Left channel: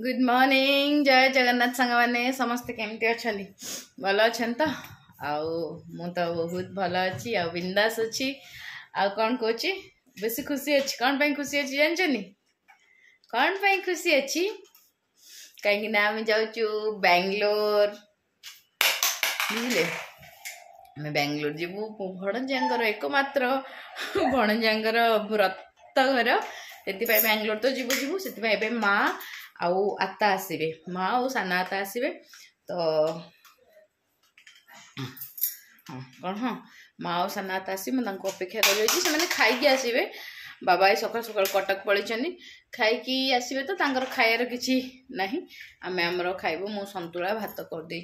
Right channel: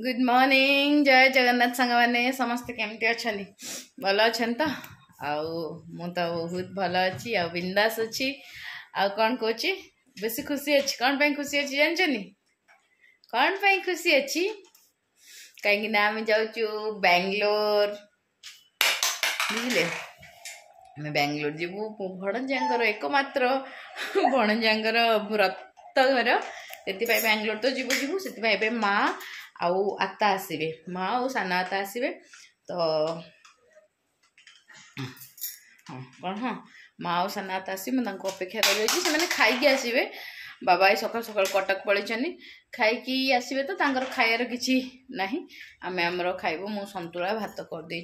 good morning जय जगन्नाथ सांग मैंने समस्ते केमती अच्छा भल अच्छा तो मु तो बहुत भल अच्छी आ बिंदास अच्छी आ कौन कौच बेसी खुशी अच्छी कौन पे खुशी अच्छी जानचनी कौन पे खुशी अच्छी कहीं आम जाऊँ बेंगलोर बुझे आम बेंगलोर जीवु भणजांगर एकमात्र भणजांगर व्रत घर से बेंगलोर तो जीवु जीवु से माँ आउ आता आसवे माँ और साना आता आसवे तो हाँ कौन हाँ माँ और साना आता आस अपेक्षा कर खाई आसवे बाबा सकाल सकाल कटक पलैं खाई आसवे तो खायार किसी ना आम आमर खाइबू मु संतुला भात करदे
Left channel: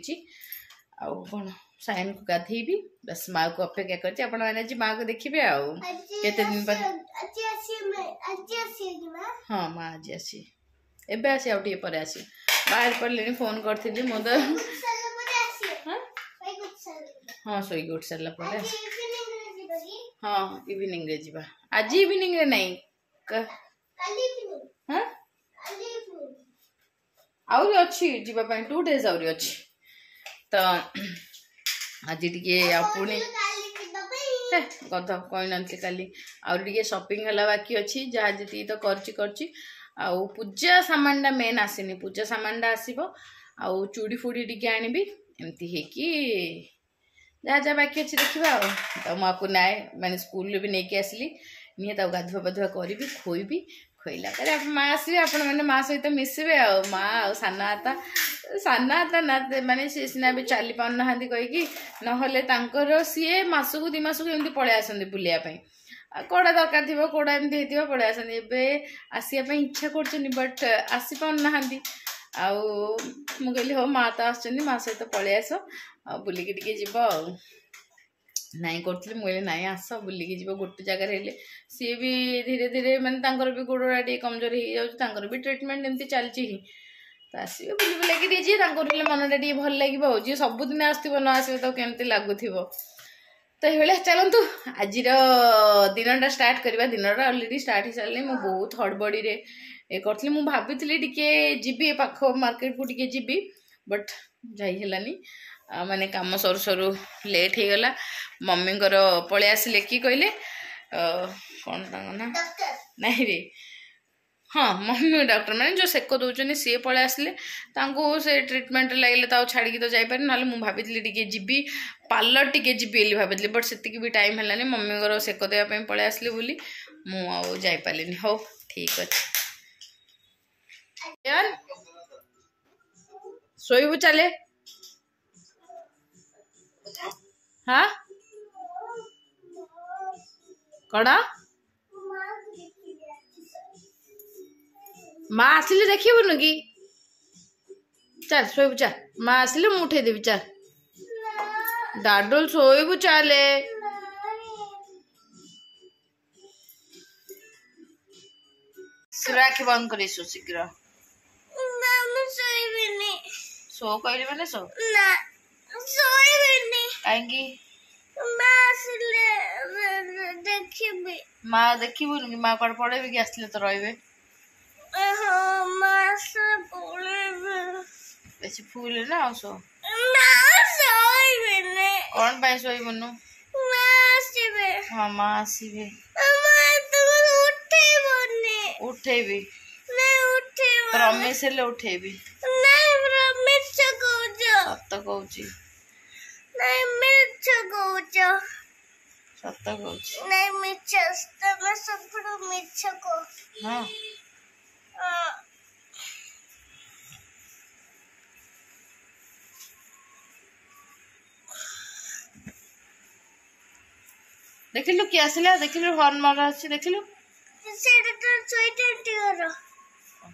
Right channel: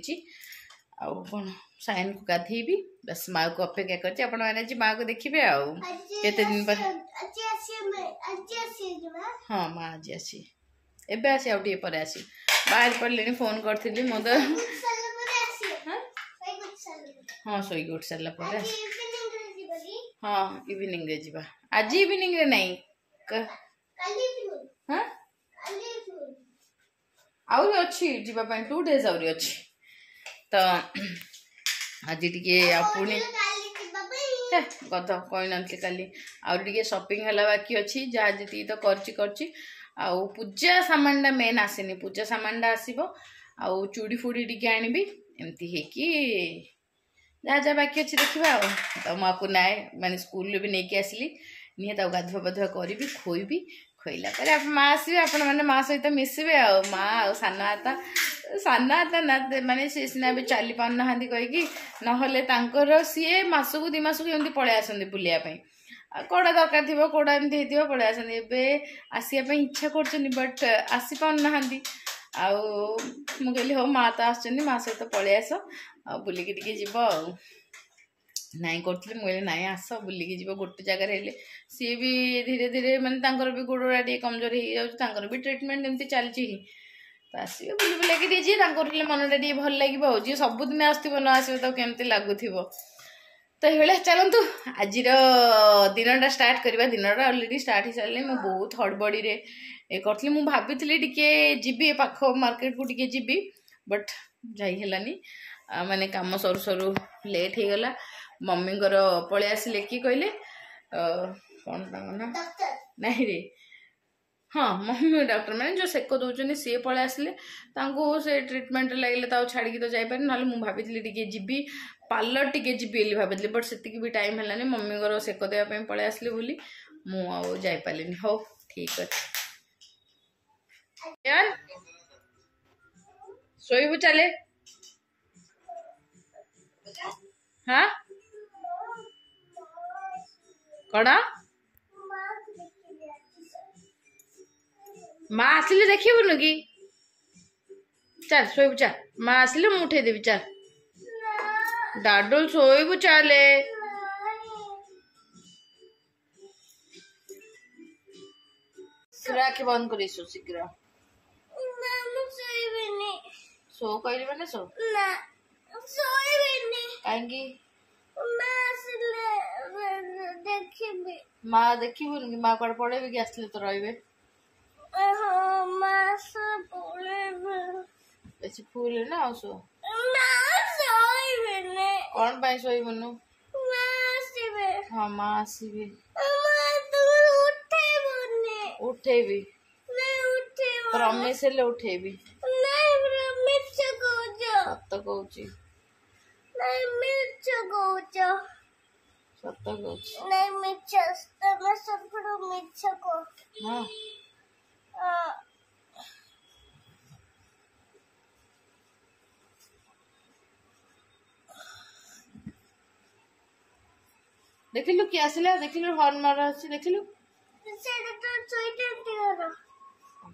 कौन सायन को गाधेबी बस माँ को अपेक्षा कर माँ को देखिए आउ केते दिन पर हाँ माँ आज आसी एबे आसी आउ टे पर आसी बाहर पड़े फोन करी मो तो हाँ शोक उठ सारा पर हाँ इवनिंग रे जीवा आज इवनिंग रे नहीं हाँ आउरी अच्छी जीवा 2 days आउरी अच्छी तो आज टी पुणी गध कही नी काली आउरी शॉपिंग है बाकी अच्छी जहाँ जी तो करची आउ पूजा सामानटा मेन आसनी पूजा सामानटा आसब आउ चूड़ी फुड़ी टी आनबी एमती है कि जहाँ जहाँ बाकी अच्छी देखा तो मुझे नाए मैंने स्कूल भी नहीं आसली निहे गाधुआ पाधुआ करी खोईबी खोईला माँ आसवे आपण मैंने माँ सहित मिसवे आ माँ आ साना ना माने सी सीना भी चली पार ना कहीकि ना सी मसकू 2 मास एमती पलि आसती बुलायापाई कौड़ा दरकार थी कौड़ा एमती होती पलि आसते आसवाई इच्छा कर बट आसी पार ना कहली हो माँ तो आस माँ सहित पलि आस बुलिकी टी जीव नाई करी मुझे नाई आस बुलिकी जीव गोटे जगार सी भी धीरे धीरे मानते भी गोड़ा टे कमजोर हो जाऊँ भी ट्रिटमेंट एमती चलती तो आसवे बुले बुलाकी जी मनटा टे भल लगे जी सबुदिन आसो न आसवे तो केमती लगुव तो ये चलतु आज दिन स्टार्ट करवा दिन अलरेडी स्टार्ट हो सारे मुझे बहुत हड़बड़ी करी मुझे भाभी टे जी पाख मार्केट को टे जी बट जाइलानी माने काम सरू सरू लेट हो गला मम्मी पलि आसिले कि कहले कौन ना नहीं रे हाँ मम्मी डॉक्टर मैंने जो सेक दौरान सी पलि आसिले से ट्रिटमेंट लगे तो छाड़ी तो जापर ना मुझे भाभी टे जी पार्लर टे जी भाभी बट से भी टाइम है मम्मी सेक देवाई पलि आसली बोली मुझे हो ठीक अच्छे शोबू चले हाँ कौन माँ आसिले देखबुन कि चल शोबू चल माँ आसिले मुझे उठे देवी चल डाडुल शोबू चले आखि बंद कर शीघ्र सो कहली मैंने सो कहीं माँ देखबुन कि माँ कौन पढ़े कि आसले तो रे बेसी फूल ना आ सो कौन पाई शोबुनु हाँ माँ आसवे उठेबी प्रमिश हेले उठेबी सत कहूँ सत कहूँ हाँ देखिलु किए आसिला देखिलु हॉर्न मार आछि देखिलु सेटा तो सोइटेंटी करो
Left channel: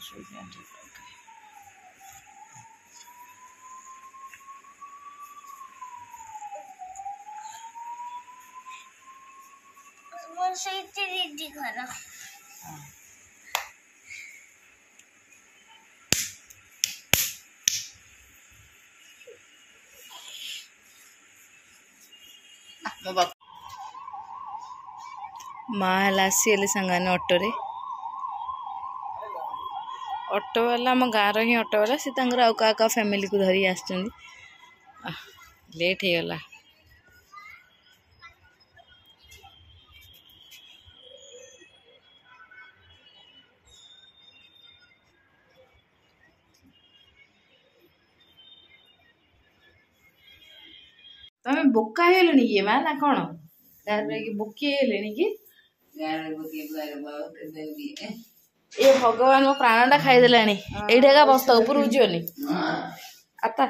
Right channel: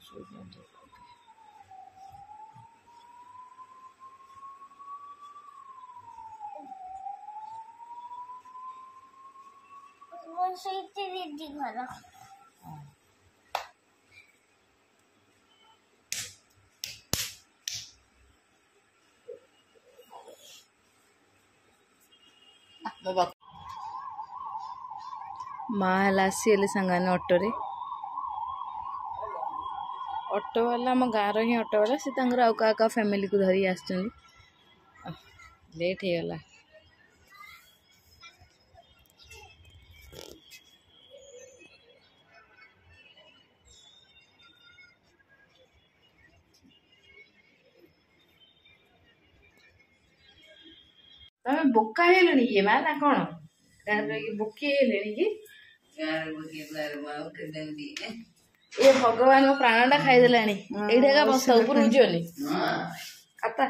सोइटेंटी मन सोइटेंटी करो मो बाप माँ आसीगले सांगाने अटोरे ऑटो वाला आम गाँव ही ऑटो वाला सी आउ क्या फैमिली को धरी आस लेट हो गला तमें बोका हेलणी कि माँ ना कौन गाँव बोकी हेले कि ए भगवान मो प्राणटा खाईदेला ये बस ऊपर जीवनी आता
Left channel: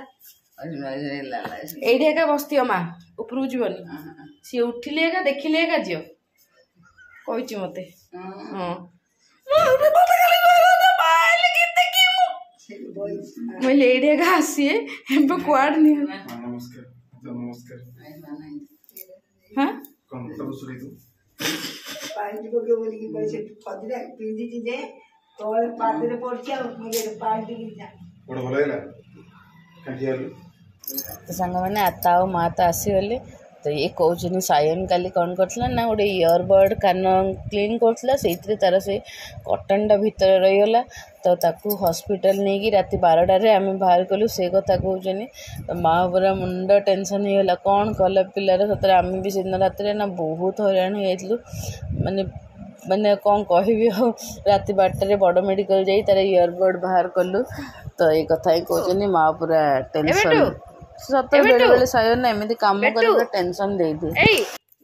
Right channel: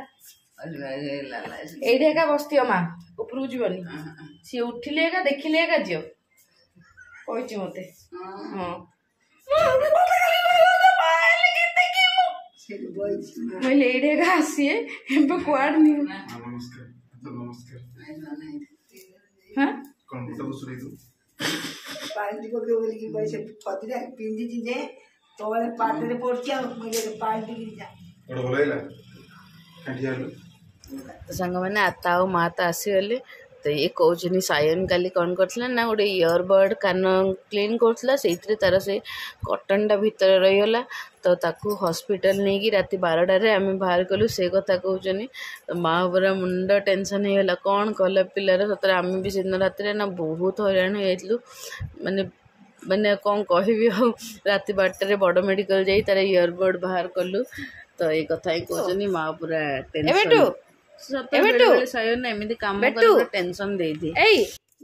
ये बसती माँ ऊपर जीवनी सी उठिले देखिले जी कही मत हाँ मुझे आसी कुआड हाँ पानी पके बोली कि पैसे पदिरा पिंदी जे तोले पादरे पड़छा मगे पानी गिर जा बड़ भलो हैला काटियालु तो संग मैंने आता और माँ तो आसीगले तो ये कौन सायन काली कौन करथिला ना गोटे इयरबड कान क्लीन करथिला सेइतरे तार से कटनटा भितर रहीगला तो ताकू हॉस्पिटल नहीं कि राति 12टारे आम बाहर कलु से कथा कहनी तो माँ पूरा मुंड टेंशन होगा कौन कला पिलार सतरे आम भी से दिन रात ना बहुत हैरान हो माने माने कौन कहबी राति 12टारे बड़ मेडिकल जाई तार इयरबड बाहर कलु तो ये कथा ही कहनी माँ पूरा टेंशन सत बेले बेले सायन ना एमती काम कर टेंशन दे दी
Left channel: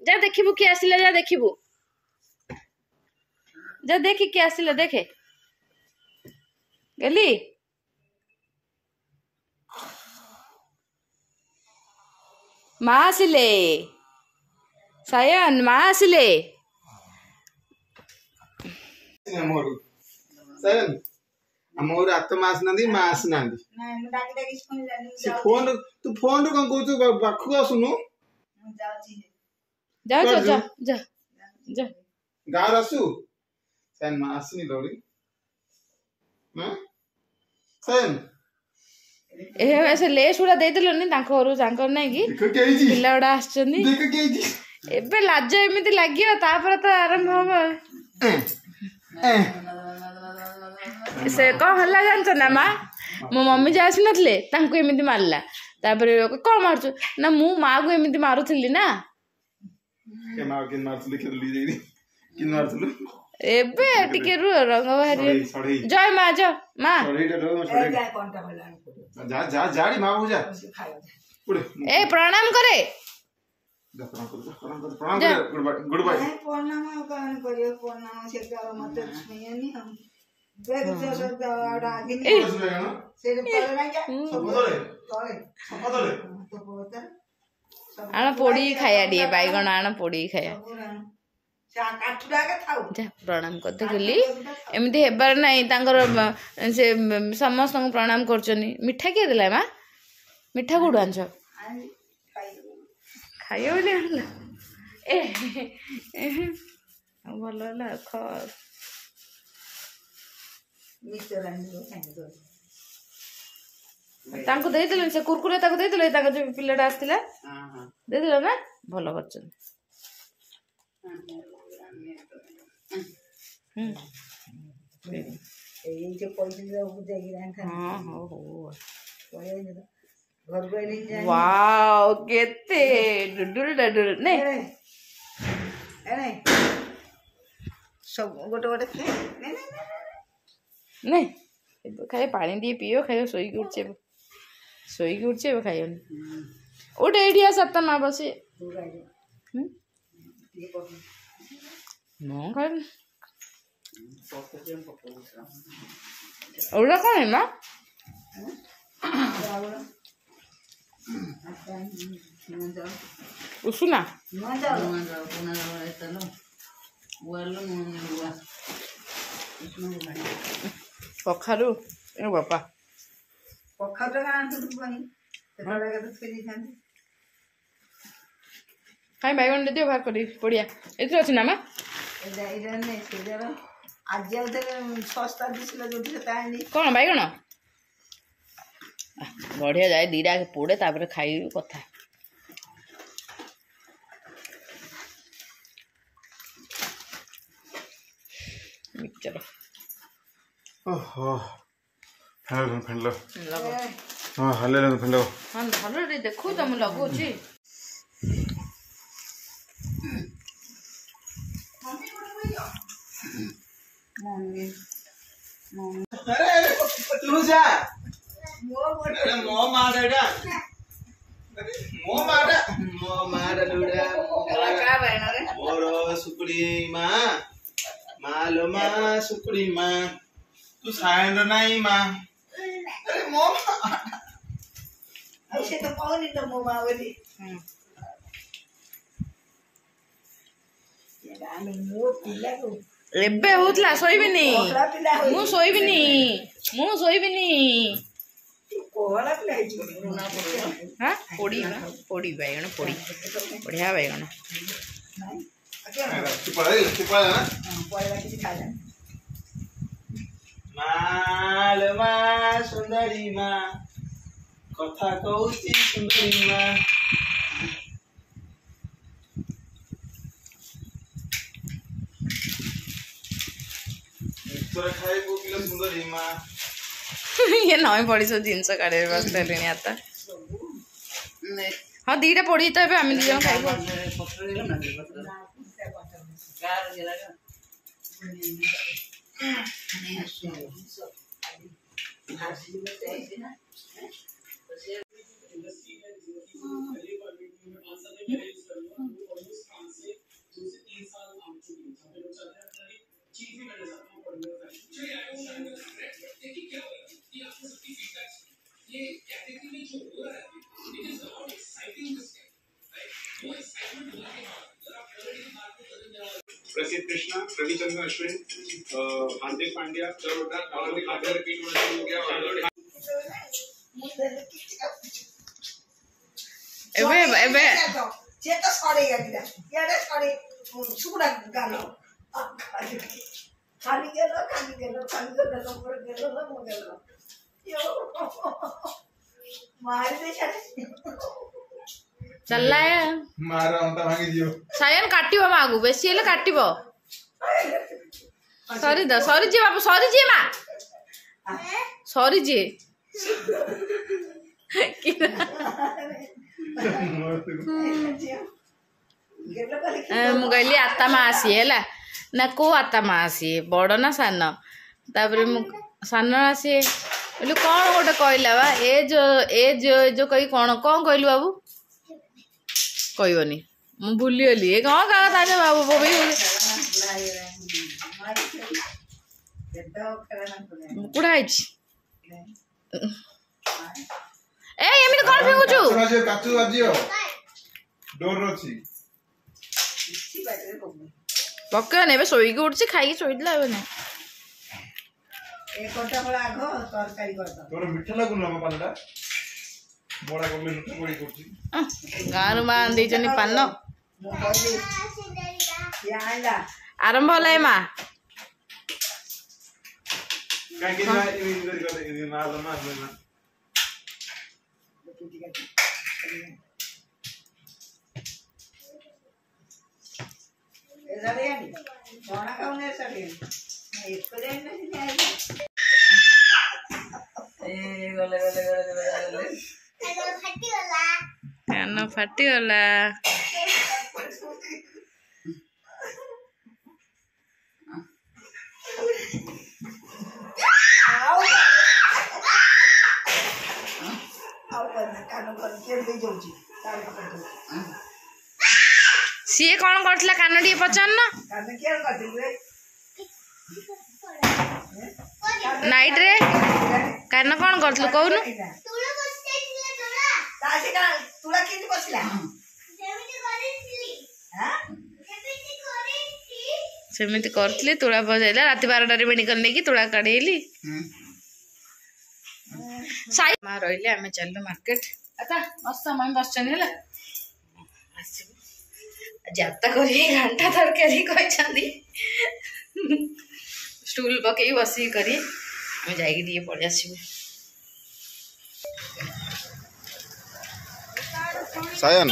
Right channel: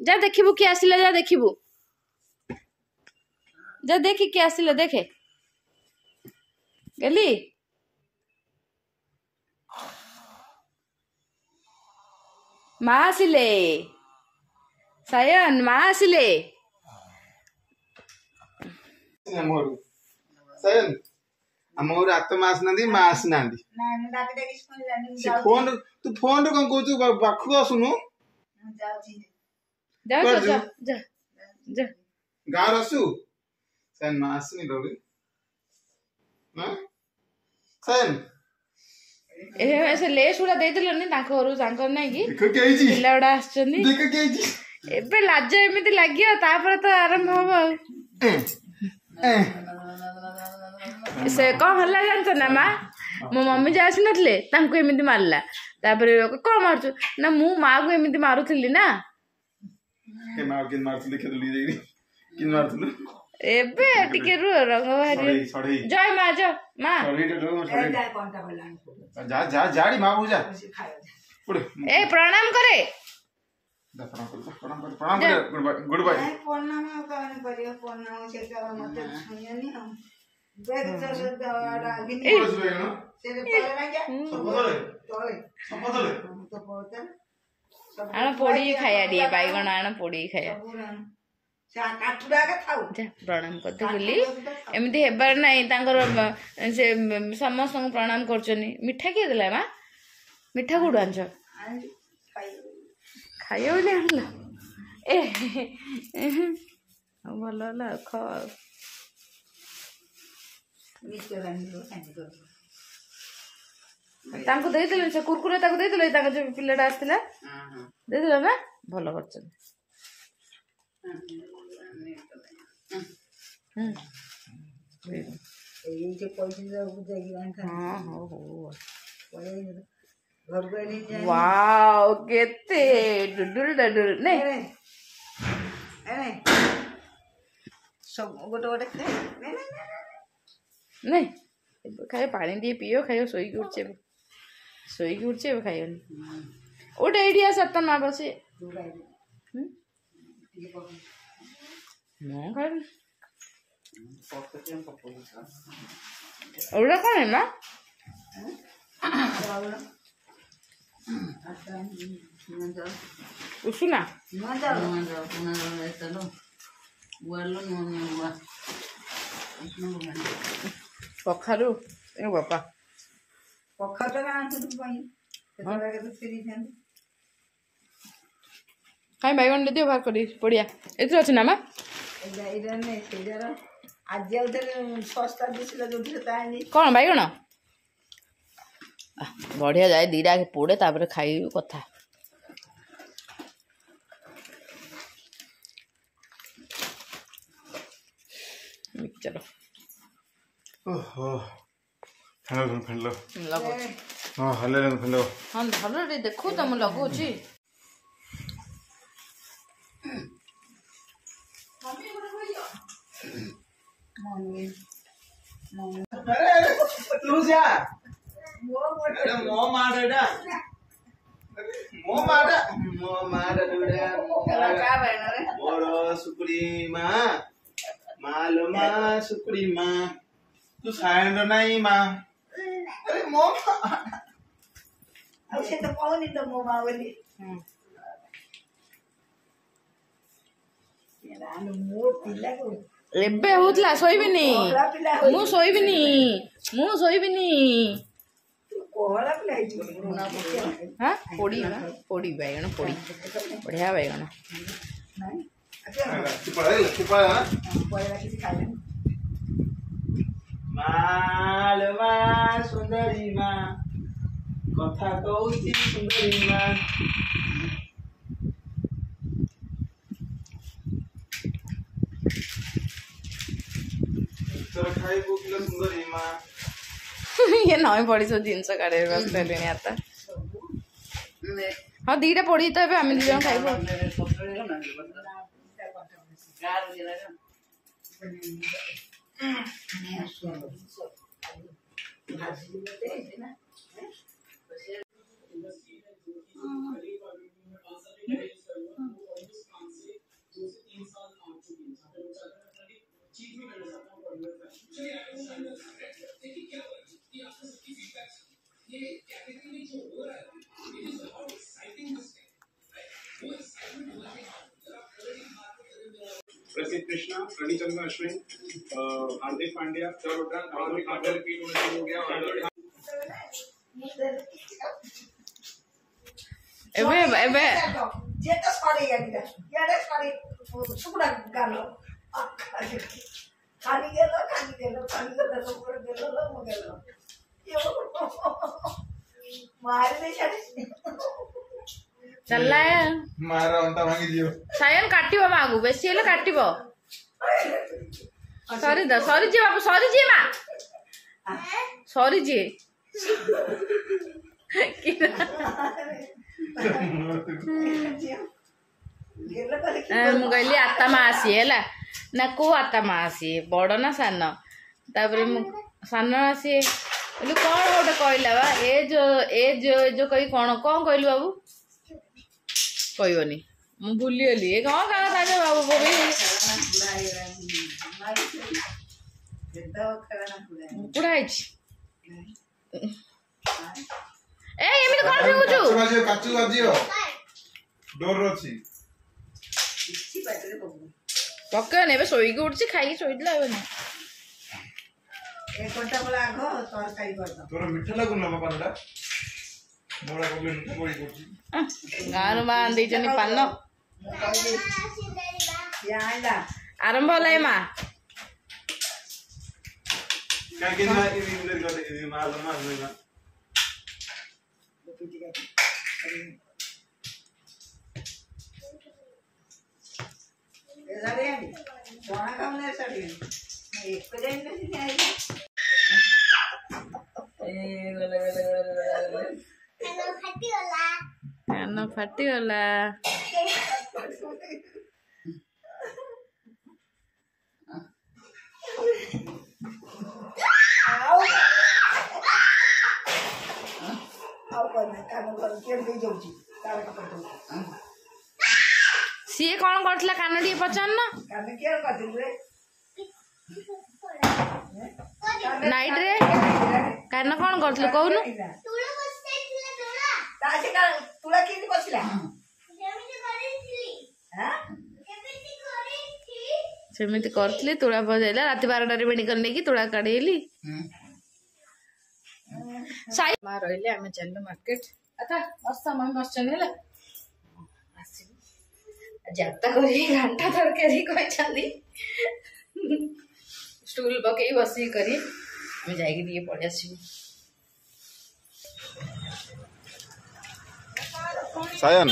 जा देखिबू किए आसिला जा देखिबू जा देखि किए आसिला देखे गली माँ आसिले सायन माँ आसिले मोर सायन हमर आत्मा आसनांदी मां आसनांदी ना मु डाके डाके स्कूल जानी से फोन तू फोन रो कोन कहू बाखु आसुनु मु जाउची जा जा जा जा जा गाँव आसु सायन मां आसनी डोरी हां सायन ए ऐसे लेस उड़ा दे दिलो नि तांको घर तांको नै कि देखो के आइजी पिला उड़ा आछनी देखो के आइजी एबे लाज एमिति लागियो तापर तो आरंभ होबो से कौन हल्ला जानछ ना माँ मो मम्मी जे आसी नथले तांको एमिति मारला तापर कौन मारछु ना मु माँ को एमिति मारुथिली ना के मां किन मारथुली खेलली देई किन मारथुलु एबे टिके रु रंग बाहरी सड़ी जय माँ जो माँ सड़ी डरो सड़ी जा कोनटा बोलान जा जा जाड़ी मां बुझा से खाया पुड़े ए प्रणाम करे प्रणाम कर गुड बाय ए प्रणाम कान करियो प्रणाम से का मत छयनी हम देख चल डागिनी से तोले ना जा सबतले तो बोतल आण पोड़ी खाया दिए बाइगण आण पोड़ी खाया से काठुडा के खाऊ जा प्रणाम करते गली एमती हेबार नहीं तांकर से समस्त को प्रणाम करछनी मिठा के देला माँ मिठा कोड आंछ खाइयो बोली आनला ए भल होला ख मिस्टर रानी खाने को तांको दे देले से कुरकुरे ताको दे देले ताको जो पिल्लाटा आस्थिला दे देला ना भल करछन ये जो पैसे जो देगी रान खा हां हो हो पड़े घर को नहीं जाए वाओ केते डुडुल डुडुल ने अरे सब गोटे गोटे ने ने खाए पानी दी पियो खायो सोई उठचे खायो उठे एठी आ सत्ता मां बसे नो खाए ओला कौन है मां उसुना कखारु ए बापा पखा तो आंतु भाई तेरा के तो फेरी थांती खाई बैगन दे दियो बाहर करी पड़िया एथि अछि ना मां एदा नहीं सेदार आज आउते सस्ता दिसला जोठी से तानी कौन बैगन बढ़िया जाए दीरा के पोड़े तापर खाई कथा मिक्सचर ओहो ଫେଣ୍ଡ ଲଗାଉଛି ହଁ ହଲେ ଫେଣ୍ଡ ହଁ ଭଲରେ ଦେଖୁ ତ ମୁଁ ଲଗାଉଛି ତୁ ଯା ମୋ ମାଟା ମୋର ସୁକୁଡି ମା ମାଲୋ ମା ସୁକୁଡି ମା ତୁ ସାଇଣ୍ଡ ନାଇଁ ମା ଆରେ ମୋ ମା ଆଉ ସେ ତ ପାଉନି ତ ମୋ ମା ବୋଲି ମୋ ପିଲାକୁ ଏବେ ହଉଥିଲା ଶୋଇବିନି କୋହଳା ପିଲା ମୁଁ ଶୋଇବିନି କୋହଳା ପିଲା ହେଇଯିବ ହଁ ପୋଡ଼ି ବାଇଗଣ ପୋଡ଼ି ବଢ଼ିଆ ବାଇଗଣ ନାଇଁ ପଳେଇବା କିଛି ଖାଇଲାନି ମାଲୋ ମା ସୁନ୍ଦରୀ ମା କଥା କହୁଛି ସୁନ୍ଦରୀ ମା ଖାଇ କୋକିଲ ସୁନ୍ଦରୀ ମା ये नई पड़ी सब जिनस काढ़े बसले आता हाँ दीटा पड़ी तो आम दी जन खाइब प्रसिद्ध कृष्णा रविचंद्रन अश्विन हार्दिक पांड्या रिपीट हो गया जे तो सरे गया यार सरे सुकुड़ा गालो खाली गेलो ऊपर गेलो मो गेलो यो मार दे छाड़े चलला है मार अंत भांगी दियो सायन काटिबो मागु बेसी हेले काटिबो सॉरी जी बाबू सॉरी जी मां सॉरी जी मु कहली आता मासी है ना को आता मासी बड़ ना सान तापर सान आसी बोले कौन गोटे कहला बा ए जो कही कौन कौन कहलु बाबू कहबनी मु भूली गली ए कौन का ताजे बाबू बोबी कुड़ा आइछि ए एमिति कोन फेकुछु काचू बाजियो डोर अछि पक्का नेबे सोईकी उठछि खाइकी सोईदला अब नै एक घंटा बला आगो तरकारी कर दो तोर मिठा लागुन म पानडा मोळा कोले मिठा कोई करछि गानु मा आंदी जनी पान मु कहली या आइला आरंभ होला ए मा काकी ना इधर कर दे मार ना साड़ी सोना खाऊने साड़ी एक दिन नहीं आई ए गले कान फाटी गला सी कौन करथिला कान टी पचान ना नाइट रे कान कौन करथलु कहनु सेमिति करथली तुळा बजाइला राति 12 रे मेडिकल नेकी तुळा काढेली साई मा रहिले आमे चललो मार्केट आता मस्त मम्मी बस चली हला जाता करी घंटा तरकारी कहि छंदी स्टूल पकई बसी करी आमे जाई दिए पड़ आसीबे सायन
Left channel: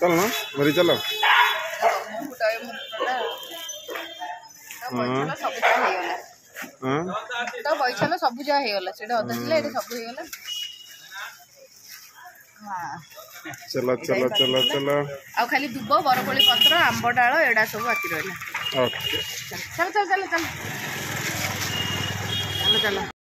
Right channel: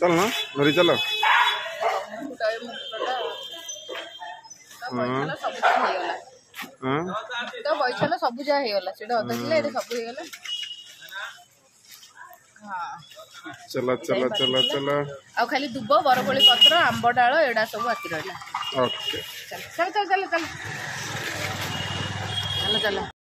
चल ना घरी चलो सब हो गला ତ ବୈଶାଲ ସବୁ ଯାହା ହେଇଗଲା ସେଟା ଅଧା ଥିଲା ଏଟା ସବୁ ହେଇଗଲା ହଁ चलो चलो चलो चलो ଆଉ ଖାଲି ଦୁବ ବରକୋଳି ପତ୍ର ଆମ୍ବ ଡାଳ ଏଡା ସବୁ ବାକି ରହିଲା ओके ଚାଲ ଚାଲ ଚାଲ ଚାଲ ଚାଲ ଚାଲ